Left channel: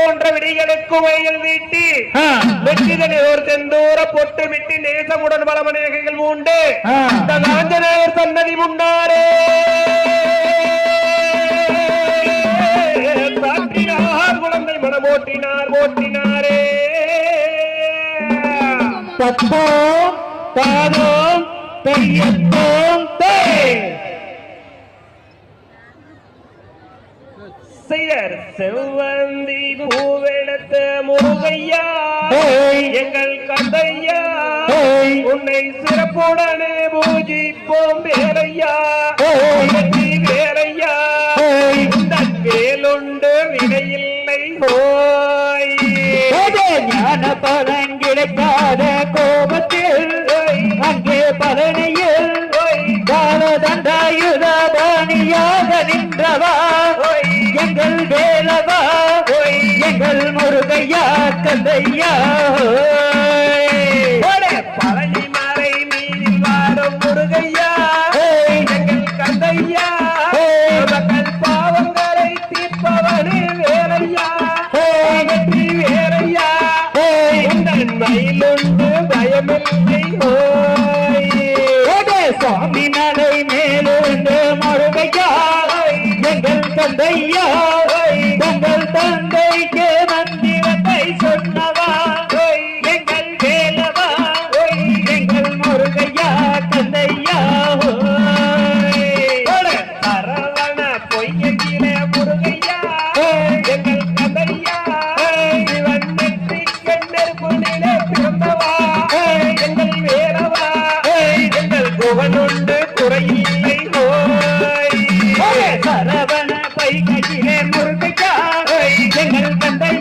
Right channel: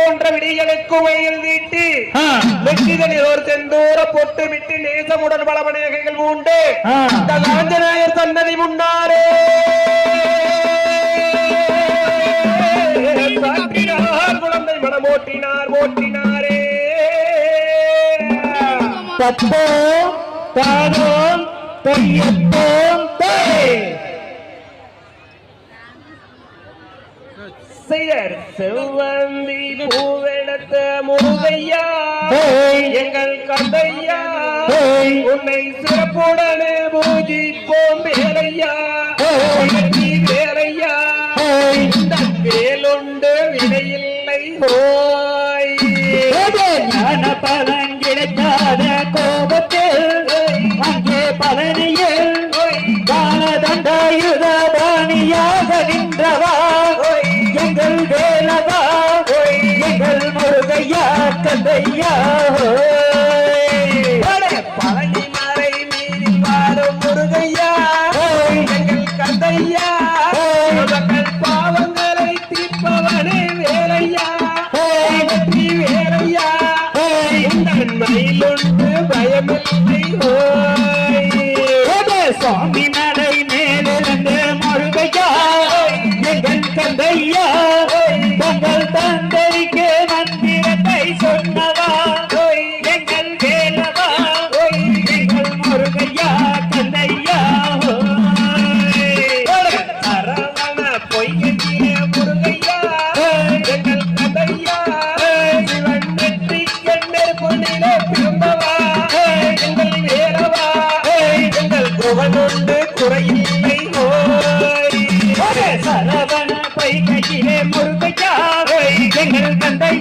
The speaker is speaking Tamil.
போன்ற விடிகளுக்கு வயல் வீட்டி வெற்றிதனோர் செந்தூர பொட்டு விட்டு நேசமுடன் பலமநேகங்கள் உண்டு இந்த ஆஞ்சநேயர் சன்னதி முன்னாரே குழந்தை மனம் ஓட்டினாரே தத்தோம் தானோம் பெரியத்தோம் செவ்வந்தி பூவெடுத்த முருகையா எங்கள் கந்தையா உன்னை சிறப்புடனே பூஜிப்போம் வேலையா வேலையா இந்த வேலுண்டு விடையில்லை போய் ஞான பலன் கிடைக்காத கோபத்தில் அங்கே பழனியில் காலதண்டாயுத பாணியாக நின்றவா எங்கள் வேலவா எங்கள் முருகையா கந்தையா பழனி மறை மீறி வாழும் முருகையா எங்கள் கந்தையா எங்கள் பாவங்களை தீர்ப்பவனே வேலையா வேலையா உங்கள் மயிலுண்டு பயமில்லை சுவாமி மலை மேலிருந்து முருகையா எங்கள் கந்தையா தங்கள் தந்தைக்கு மந்திரத்தை சொன்னவா எங்கள் வேலவா எங்கள் முருகையா கந்தையா அரவண பொய்யிலே முருகையா எங்கள் கந்தையா சிவன் நெற்றி கண்ணர் பொன்னிலே பிறந்தவா எங்கள் வேலவா எங்கள் புகழுண்டு குறையில்லை சரவண பைகையிலே முருகையா எங்கள் தந்தை